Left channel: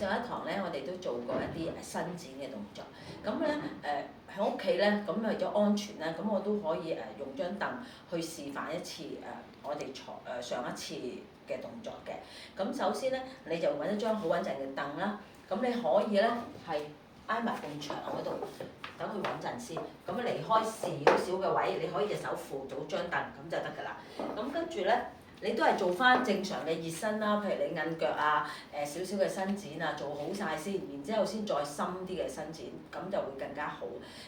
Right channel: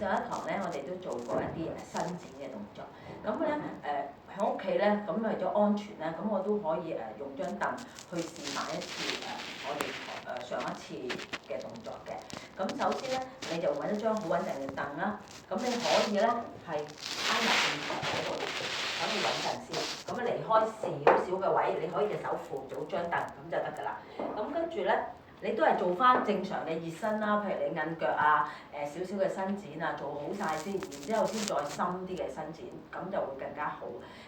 上一堂咧，我哋都做過一啲伸展嘅動作。咁咧喺屋企咧，咁為咗安全咧，咁我都可以用張凳去示範一次我哋上一次嘅動作嘅。咁首先咧，你就揾一張好穩陣嘅凳啦。咁你可以咧係挨埋埲牆嗰度，等佢穩陣先。咁離開少少嘅位，你可以隻手扶到張凳，咁就得㗎啦。咁跟住咧。你都係做翻正常嘅熱身啦，譬如你韌腳啊，少少嘅伸展啊，做好晒先，然之後先再深啲嘅伸展，咁就會更加好。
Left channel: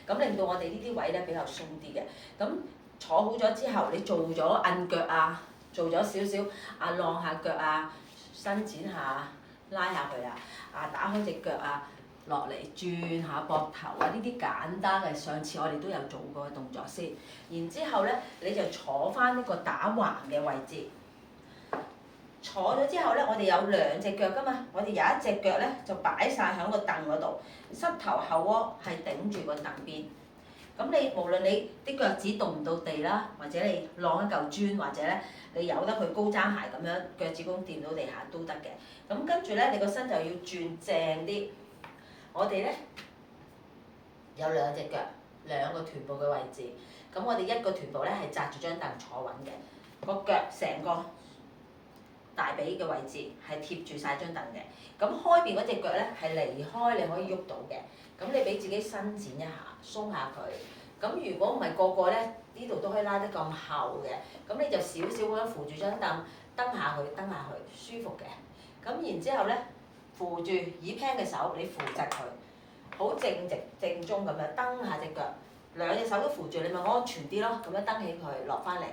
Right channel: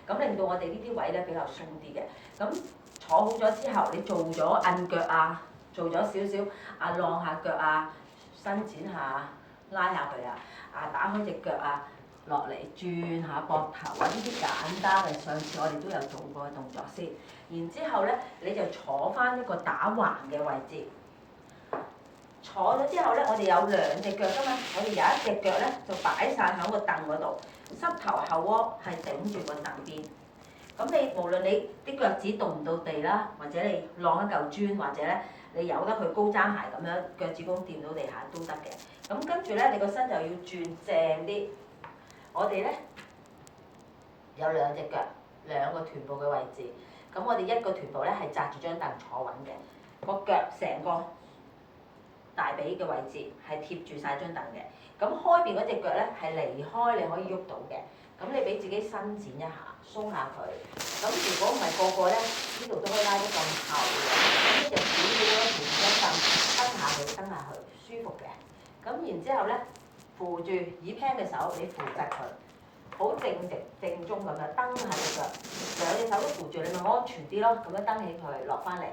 咁令到我哋呢啲位咧比較鬆啲嘅。咁坐好咗之後，你做咗韌腳啊，做咗少少晾下腳啊，伸展下，拉下佢啊，打開隻腳啊，落嚟轉下膊頭啊，呢啲簡單嘅，上次我哋都有做過嘅動作先。然之後咧，你就坐翻一個打橫嘅位置。坐咗之後咧，我哋有兩隻腳㗎嘛，我哋有一隻腳咧就擺晒喺個凳嗰度，膝頭後窩係頂住個凳邊。咁你無論你啲腳趾動唔到地啦，或者你晾一嚿磚，或者咧你由得佢高踭鞋咁樣腳趾公掂到地下都得嘅。咁跟住咧，你個身就要轉正啲。我哋咧有兩隻腳，兩個臀部嘅位置。咁我哋一個臀部咧係紮住張凳坐穩嘅，個腳成個大髀嘅位置係貼住晒張凳嘅。咁開邊嗰隻腳咧係離開，你可以喐到嘅。咁你俾自己伸展一下，鬆下佢。咁如果唔係個個咧，呢度都可以拉得咁後嘅。咁你就少少咁扶住張凳，蹬下去，蹬下去，舒服嘅。咁然之後咧，扶住椅 pan 嘅手，你扶實佢，好正直正宗咁樣蹬下隻腳，兩隻手都扶住，你咪安全啲咯。咁樣蹬起佢，落翻嚟，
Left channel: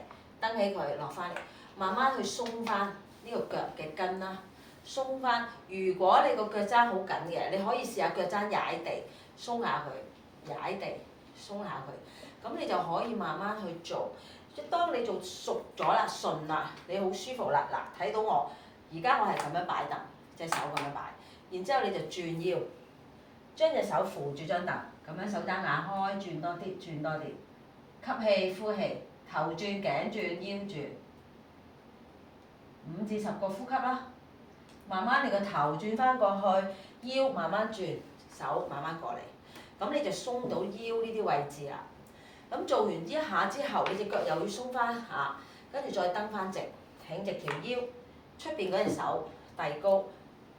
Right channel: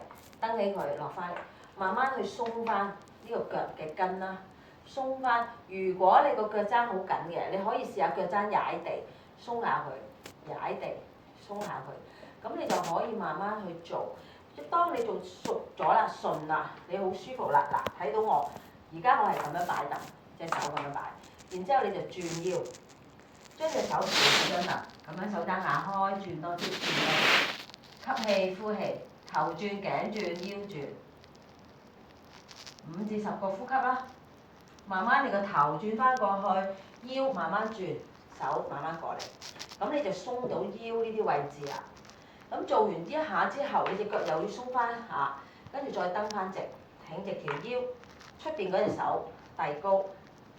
蹬起佢，落翻嚟，慢慢去鬆翻呢個腳嘅筋啦。鬆翻，如果你個腳踭好緊嘅，你可以試下腳踭踩地，鬆下佢，踩地，鬆下佢，咁你就可以慢慢去做。即當你做熟咗啦、順啦，你好舒服啦。嗱，睇到我，而家我係咁樣擺凳，隻手咁樣擺，然之後你就轉腰，將隻手扶住張凳，咁樣手踭壓開，轉多啲，轉多啲，吸氣、呼氣，頭轉、頸轉、腰轉，5至10個呼吸啦。慢慢你個頭轉翻過去，腰慢慢轉，手慢慢過嚟，咁你就鬆到腰呢啲位置啦。咁做完呢一下之後，你隻腳又要鬆翻下，跟住再蹬翻直，挺直條腰，出邊嗰隻手遞高，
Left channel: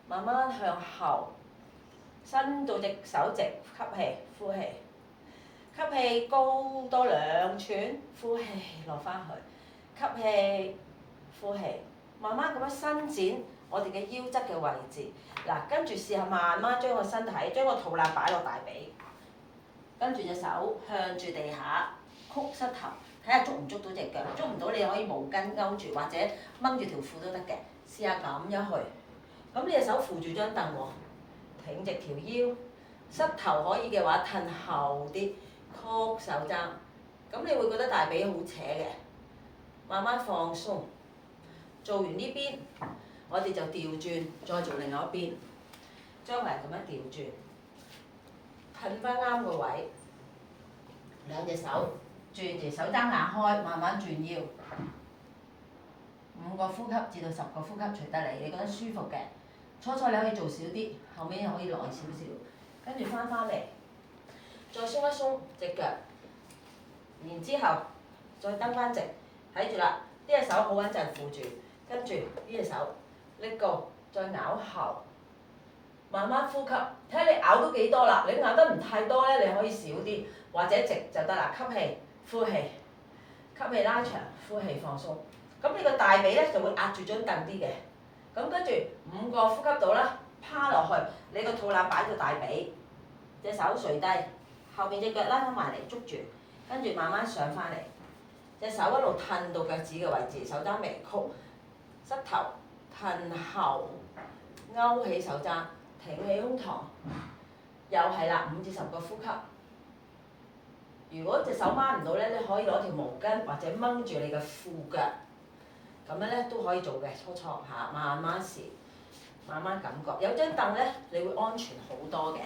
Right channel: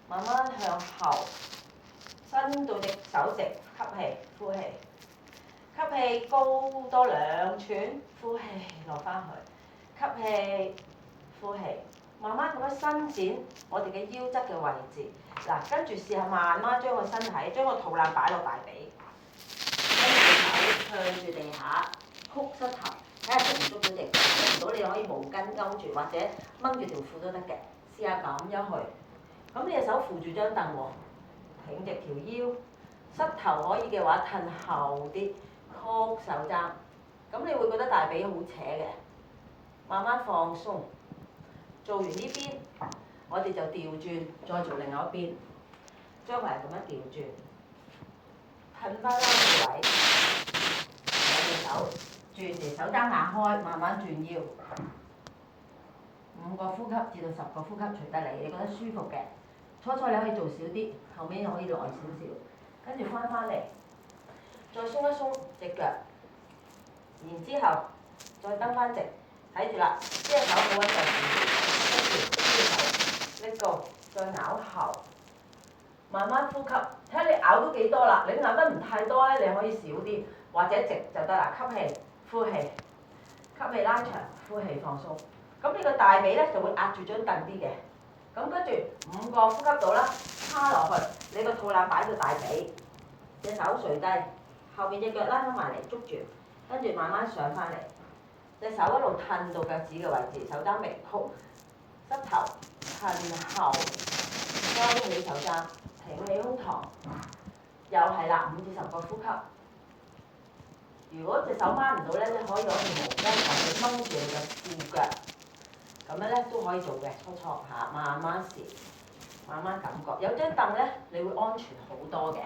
慢慢向後，伸到隻手直，吸氣、呼氣，吸氣高多2寸，呼氣落翻去，吸氣、呼氣。慢慢咁樣伸展我哋嘅腰側嘅位置，嗱，跟住試下慢慢將個身體、將個肚腩擺落大髀，跟住手向住地下，曲膝頭，睇下捉唔捉到隻腳，捉唔到你可以毛巾勾住或者掹住條褲都得嘅，試下咁樣去。咁你隻手扶住張凳喎，挺直條腰，膝頭可以嘅話褪後啲，曲手踭，咁你會覺得大髀好扯嘅，慢慢放鬆。做完呢邊，我哋就調轉，再做另外一邊，將嚟咁樣調轉，褪翻啱個位，兩隻手轉嚟，手踭壓開，慢慢轉腰，5個呼吸至到10個呼吸隨得你，你覺得舒服嘅。初你可以做少啲，後面又可以耐少少，跟住翻嚟，再鬆一鬆隻腳，然之後再蹬翻直，睇住啦，呢隻手好穩陣扶住。跟住呢隻手拎高，再咬後，慢慢呼吸，睇下你咬到幾多啦。你咬得唔太多咧，你可以少啲，或者直就得啦。吸氣、呼氣，吸氣拉長，呼氣放鬆。咁你個大髀咧就會壓住張凳啲嘅。咁跟住5個呼吸到啦，趴落去，你個肚腩擺到大髀，隻手垂低，後邊隻腳拉翻埋嚟捉住，跟住慢慢上翻嚟，隻手一路褪到腳趾嘅位置，手踭微曲。膝頭褪後，收起手踭，挺起胸膛，又係啦，5至10個呼吸。如果隻手掹唔到咧，你可以攞條毛巾或者掹住你嘅褲腳，咁樣咧都可以做嘅。初嚇，慢慢試，慢慢感覺。有張凳咧，你會安全好多嘅。